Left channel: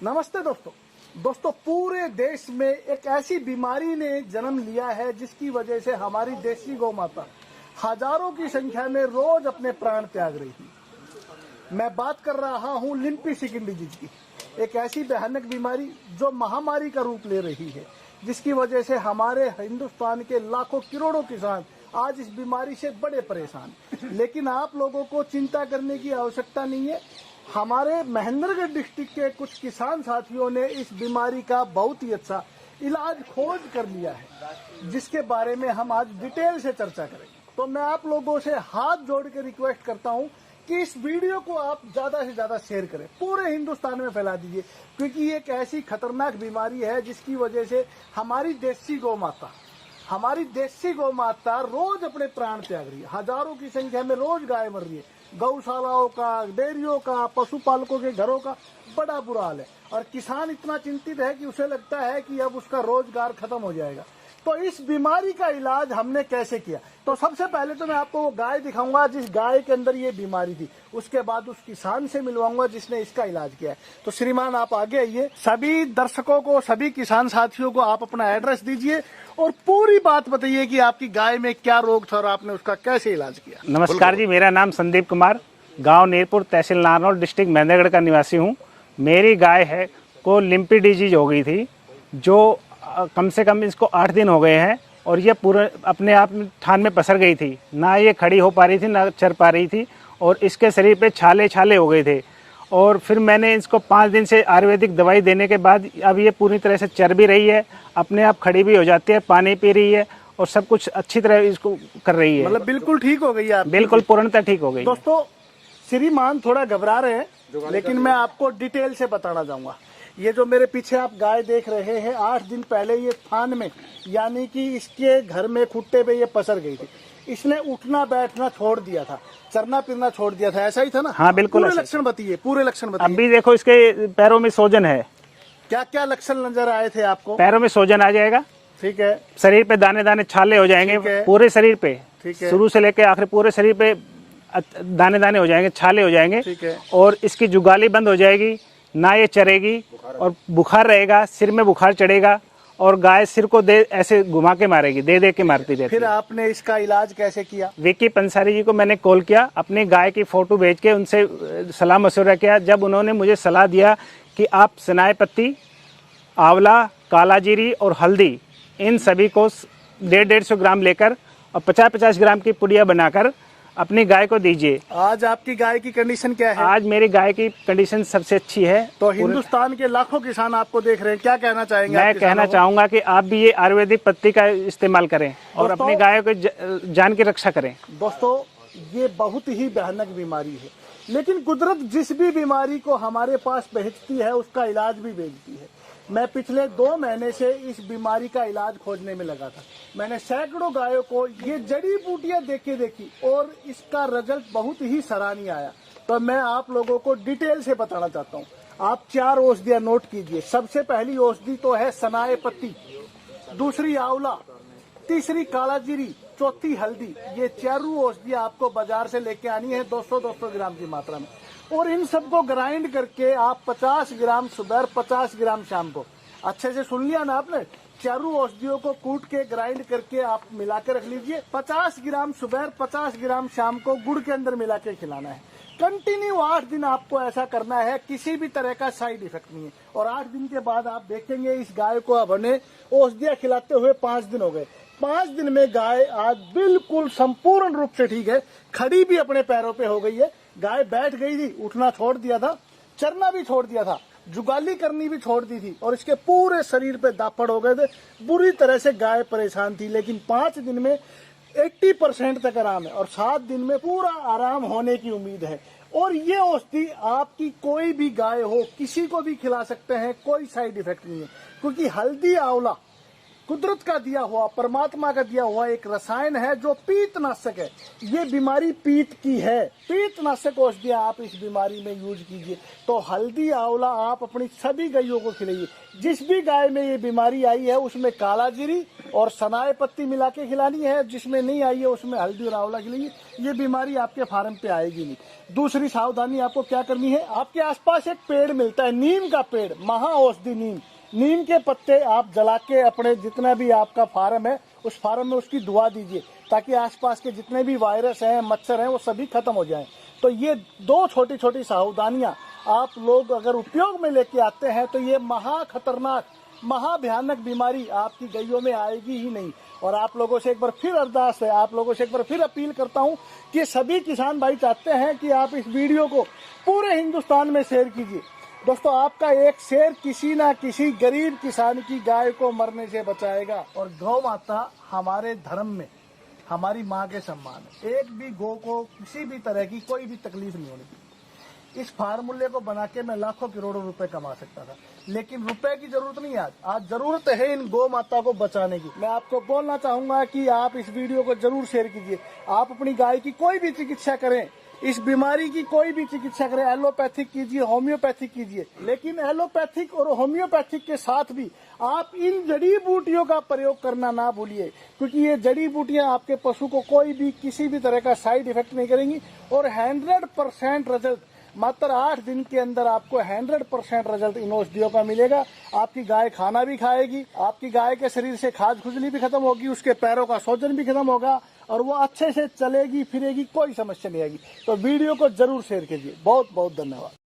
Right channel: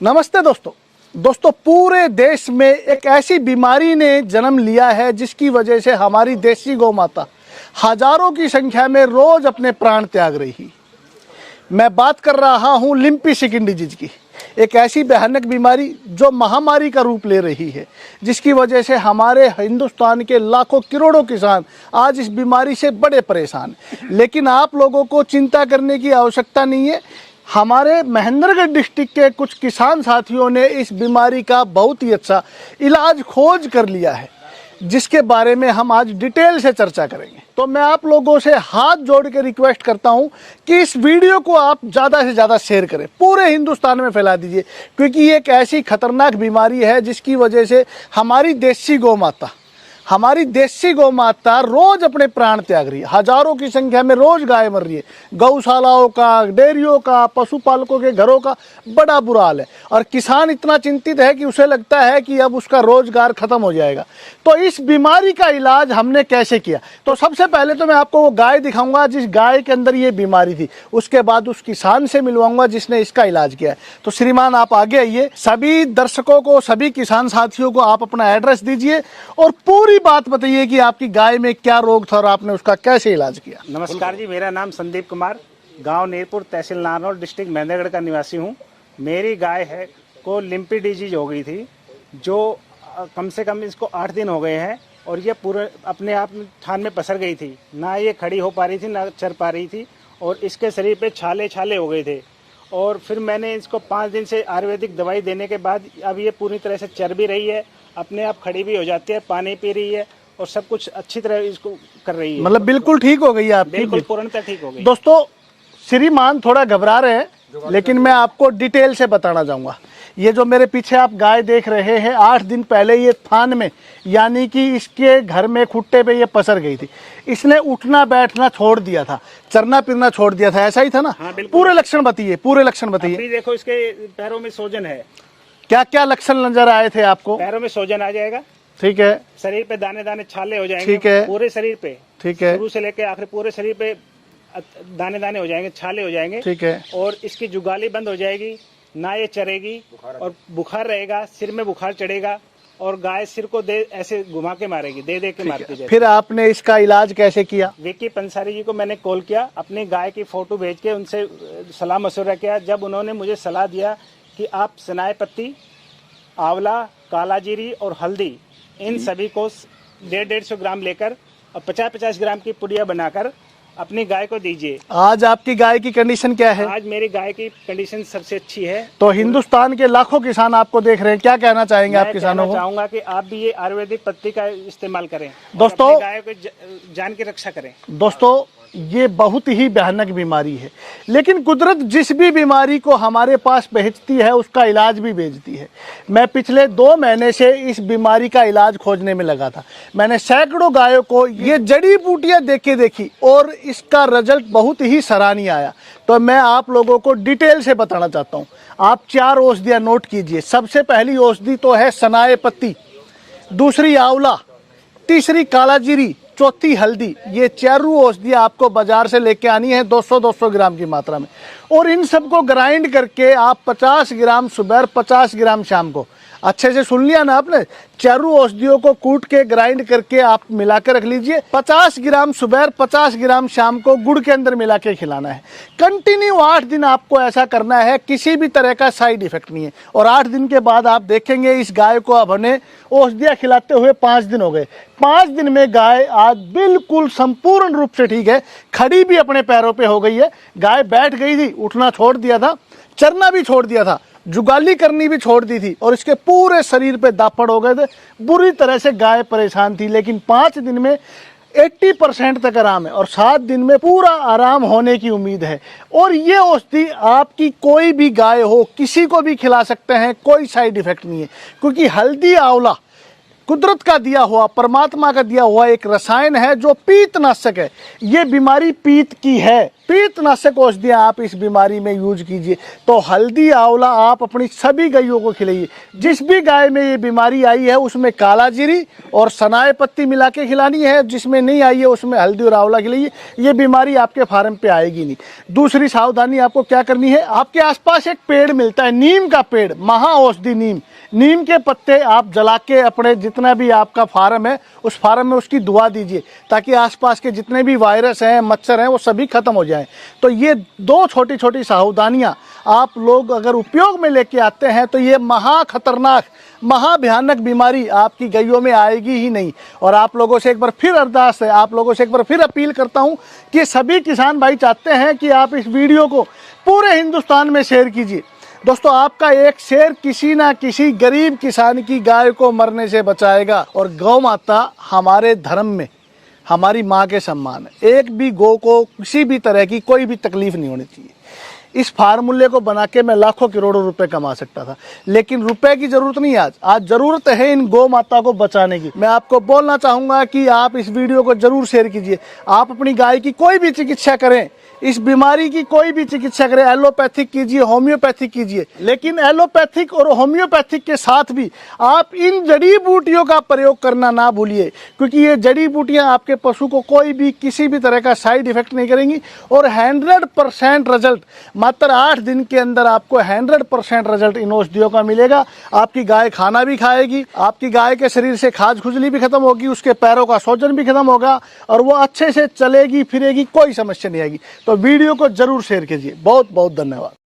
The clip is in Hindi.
नमस्ते दोस्तों पूरे देश में एक ऐसी बीमारी ने जन्म लिया है जिसकी वजह से हमारी देसी गौ माता हजारों की संख्या में रोज अपने प्राण त्याग रही। मैं बात कर रहा हूं लिम्पी स्किन डिजीज की, एक ऐसी भयानक बीमारी जो महामारी का रूप ले रही है, जिसकी वजह से हमारे हिंदुस्तान के लाखों करोड़ों किसान आज इस बीमारी से बड़े परेशान। लेकिन आप लोगों को चिंता करने की आवश्यकता नहीं है। हमारे महेंद्रगढ़ डिस्ट्रिक्ट के कुछ किसान साथियों ने इस बीमारी का बहुत ही अच्छा इलाज खोज कर लिया है, जिसके बारे में हम आज डिटेल से चर्चा करेंगे। तो मैं आप लोगों से हाथ जोड़ के रिक्वेस्ट करता हूं कि इस वीडियो को आप ज़्यादा से ज़्यादा शेयर करें, पूरे हिंदुस्तान में फैला दीजिए, क्योंकि ये एक ऐसी खतरनाक बीमारी है जिसकी वजह से हमारी देसी गौ माता रोज अपने प्राण त्याग रही है। हजारों की संख्या में रोज गाय मर रही है। गौशालाओं का, डेयरियों का, पशुपालकों के घरों का बड़ा बुरा हाल है और किसान इतना चिंतित है कि उसे लगता है कि अब उसका रोजगार खत्म हो जाएगा। तो इस बीमारी का इलाज हमने कैसे किया, तो सबसे पहले तो मैं आपको वो गाय दिखाऊंगा जिस गाय के अंदर ये बीमारी थी, उसके बाद उस किसान से मिलवाऊंगा जिसने इसका इलाज किया है। तो श्रीमान आप आगे आइए। सभी दर्शकों को, सभी किसान साथियों को आप अपना एड्रेस दीजिए और पूरी बात बताइए कि आपकी गाय में क्या रोग था और आपने उसका कैसे इलाज किया। नमस्कार जी, मेरा नाम संदीप कुमार, गांव नीरपुर, तहसील नारनौल, डिस्ट्रिक्ट महेंद्रगढ़ का निवासी हूं। मेरी गाय है को लिम्पी डिजीज हो गई थी, जो कम से कम इसको 8 दिन हो गए हैं और ये पूरे अपने आप थान में पसर गई थी। ना ये खड़ी हो पा रही थी, ना चर पा रही थी और इसके शरीर पे छाले हो गए थे। और फिर मैंने इसको 5 दिन से आयुर्वेदिक दवाई देने के बाद अब ये पूरी तरह से चर भी रही है, अपने आप खड़ी भी हो जाती है, पानी पी रही है और सब कुछ अच्छी तरह इसको कर रही है। मतलब बिल्कुल ठीक हो गई आप? बिल्कुल पूर्णतः ठीक हो गई। दोस्तों श्रीमान थोड़ा घबरा रहे हैं, लेकिन मैं आपको डिटेल से बताना चाहूँगा। ये जो मेरे पीछे आप गाय देख रहे हैं, 8 दिन पहले ये थान में, यानी कि इसके घर में खुट्टे पे ये पसर गई थी। इसने उठना बैठना छोड़ दिया था, चरना फिरना छोड़ दिया था, ऐसा ही था ना? हाँ बिल्कुल। पूरे लक्षण बताइए, पूरे लक्षण बताइए। अभी देखो इसके पैरों में सोजन है। क्या क्या लक्षण नजर आए थे आपको? पैरों में सोजन आ जाएगा, ठीक है। शरीर पे दाने दाने छाले हो जाएंगे, ठीक है। पूरे शरीर पे, ठीक है। शुरू से लेकर आखिर पूरे शरीर पे दाने दाने हो जाएंगे, छाले हो जाएंगे, ठीक है। और इसकी जुगाली बंद हो जाएगी, ना ये चरेगी और बुखार रहेगा, सिर में बुखार चढ़ेगा और गाय सिर को ऐसे घुमा के मारेगी, दे के मारती रहती। फिर आपने इसका इलाज कैसे किया? विकी पंसारी जी को मैंने कॉल किया, अपनी गाय की फोटो भेज के उनसे सलाह मशवरा किया। जब उन्होंने मुझे सलाह दिया कि आप सनाए पत्ती, आंवला, कालाजीरी और हल्दी, इन सभी को 150-150 ग्राम लेकर और 50-50 ग्राम की पुड़िया बनाकर अपनी गाय को दीजिए। आज आपकी गाय की कंडीशन क्या है? आज मेरी गाय की कंडीशन सबसे अच्छी है। तो हिंदुस्तान के लाखों किसान आपको देख रहे हैं, क्या कहना चाहेंगे आप किसानों को? मैं कहना चाहूंगा कि आप भी ये आयुर्वेदिक पत्ती का इस्तेमाल करें और दोस्तों, अपनी गाय को जान की रक्षा करें। दोस्तों ये बहुत ही भयानक बीमारी है, लेकिन कुदरत जिस भी बीमारी को हमारे पास भेजती है उसका इलाज भी भेजती है। मैं पिछले 2 महीने से इस बीमारी का इलाज खोजने में लगा था। मैंने सैकड़ों गायों को ये जड़ी बूटियां देखी और इसका रिजल्ट बहुत ही सराहनीय आया। तो मैं आप लोगों को डिटेल से बताना चाहता हूँ। आप 4 औषधियाँ नोट कीजिए। सबसे पहली औषधि तो है सनाए पत्ती, दूसरी आंवला, तीसरी कालाजीरी, चौथी हल्दी। ये 4 औषधियाँ आपको बाजार से लेके आनी है 200-200 ग्राम की मात्रा में, और इन सबको ग्राइंड करके आप 50 ग्राम सुबह, 50 ग्राम शाम को, अच्छे से सुन लिया ना आपने, 4 औषधियों को कूट के ग्राइंड करके आप मिला के रख लीजिए। 50 ग्राम सुबह, 50 ग्राम शाम को गुड़ के अंदर मिला के खिलाना है। कंटिन्यू 8 दिन आपको ऐसा करना है, किसी भी तरह का साइड इफेक्ट नहीं है। और 8 दिन के बाद आप देखेंगे इस गाय को अब हमने औषधियाँ खिलाते हुए 5 दिन हो गए। 5 दिन में गाय आज बिल्कुल संपूर्ण रूप से ठीक है, खड़ी भी अपने पैरों पे हो गई है। गाय बैठ गई थी, उठना छोड़ दिया था, चरना भी छोड़ दिया था, जुगाली करनी भी छोड़ दी थी और इसके पूरे शरीर पे दापड़ हो गए थे। बुरी तरह से गाय परेशान थी, लेकिन 5 दिन में 80% तक आराम है और 7 दिन में पूरा आराम होने की उम्मीद है। और ये औषधि आपकी कोई भी गाय हो, किसी को भी खिला सकते हैं, कोई साइड इफेक्ट नहीं है, क्योंकि हल्दी, आंवला कुदरत का दिया हुआ, परमात्मा का दिया हुआ एक रसायन है जो पीतनाशक है। ये बीमारी पीत की है, पीतनाशक औषधियाँ आप इस बीमारी में यूज कीजिए। तो हल्दी आंवला आप अपनी सभी गायों को खिलाइए। जिस भी गाय में ये बीमारी आई है उसमें काला जीरी और सनाए पत्ती मिला के खिलानी है, जिसमें नहीं आई है उसमें हल्दी और आंवला खिलाइए। ये बीमारी आपके फार्म पे आएगी नहीं। दूसरी सावधानी आपको क्या करनी है, आपके आसपास एक पेड़ मिलता है, नीम का पेड़, महा औषधि नीम। नीम के पत्ते आप जला के अपने जितना भी आपका फार्म है उस फार्म में उसकी दुआ दीजिए, ताकि आसपास के जितने भी वायरस हैं, मच्छर हैं, वो सभी खत्म हो जाएं। तो ये दो छोटी छोटी सावधानियां आप लोग अगर उपयोग में लेके आते हैं तो ये महा खतरनाक, महा भयानक बीमारी आपकी गायों में आएगी ही नहीं। और आप लोगों से एक बार फिर अरदास है, आप लोगों से एक बार फिर अपील करता हूं कि सभी किसान भाई चाहते हैं कि आप इस वीडियो को पूरे हिंदुस्तान में शेयर कीजिए। दोस्तों, आपका एक शेयर किसी ना किसी गरीब किसान की गाय को मरने से बचाएगा। और गौ माता हमारे धर्म में हमारी माँ के सम्मान है। एक भी गौ को किसी भी तरह की कोई भी तकलीफ नहीं होनी चाहिए। इस फार्मूले को बना के मैं लाखों करोड़ों रुपए कमा सकता था, लेकिन रुपए की जरूरत नहीं है। आज जरूरत है इन गौ माता को बचाने की। मैं आपको बोलना चाहूंगा कि आप इस वीडियो को जरूर शेयर कीजिए। आप अपनी गाय की कोई भी चिकित्सा करें, इस बीमारी की कोई भी चिकित्सा करें, एलोपैथिक कीजिए, होम्योपैथिक कीजिए, लेकिन एलोपैथिक और होम्योपैथिक के साथ भी आप इन जड़ी बूटियों का प्रयोग करना ना भूलिए, क्योंकि ये जड़ी बूटियां आपके पशु को कोई भी किसी भी तरह का साइड इफेक्ट नहीं करेंगी। और 100% रिजल्ट, मात्र 8 दिन के अंदर आपको 100% रिजल्ट इन औषधियों का मिलेगा। आपकी गाय खाना भी खाएगी, आपकी गाय के शरीर से खाज खुजली भी खत्म होगी, उसके पैरों का सोजन भी खत्म होगा और वो अच्छे से चलेगी फिरेगी, कोई समस्या नहीं आएगी। तो वीडियो को जरूर शेयर कीजिए। बहुत बहुत धन्यवाद।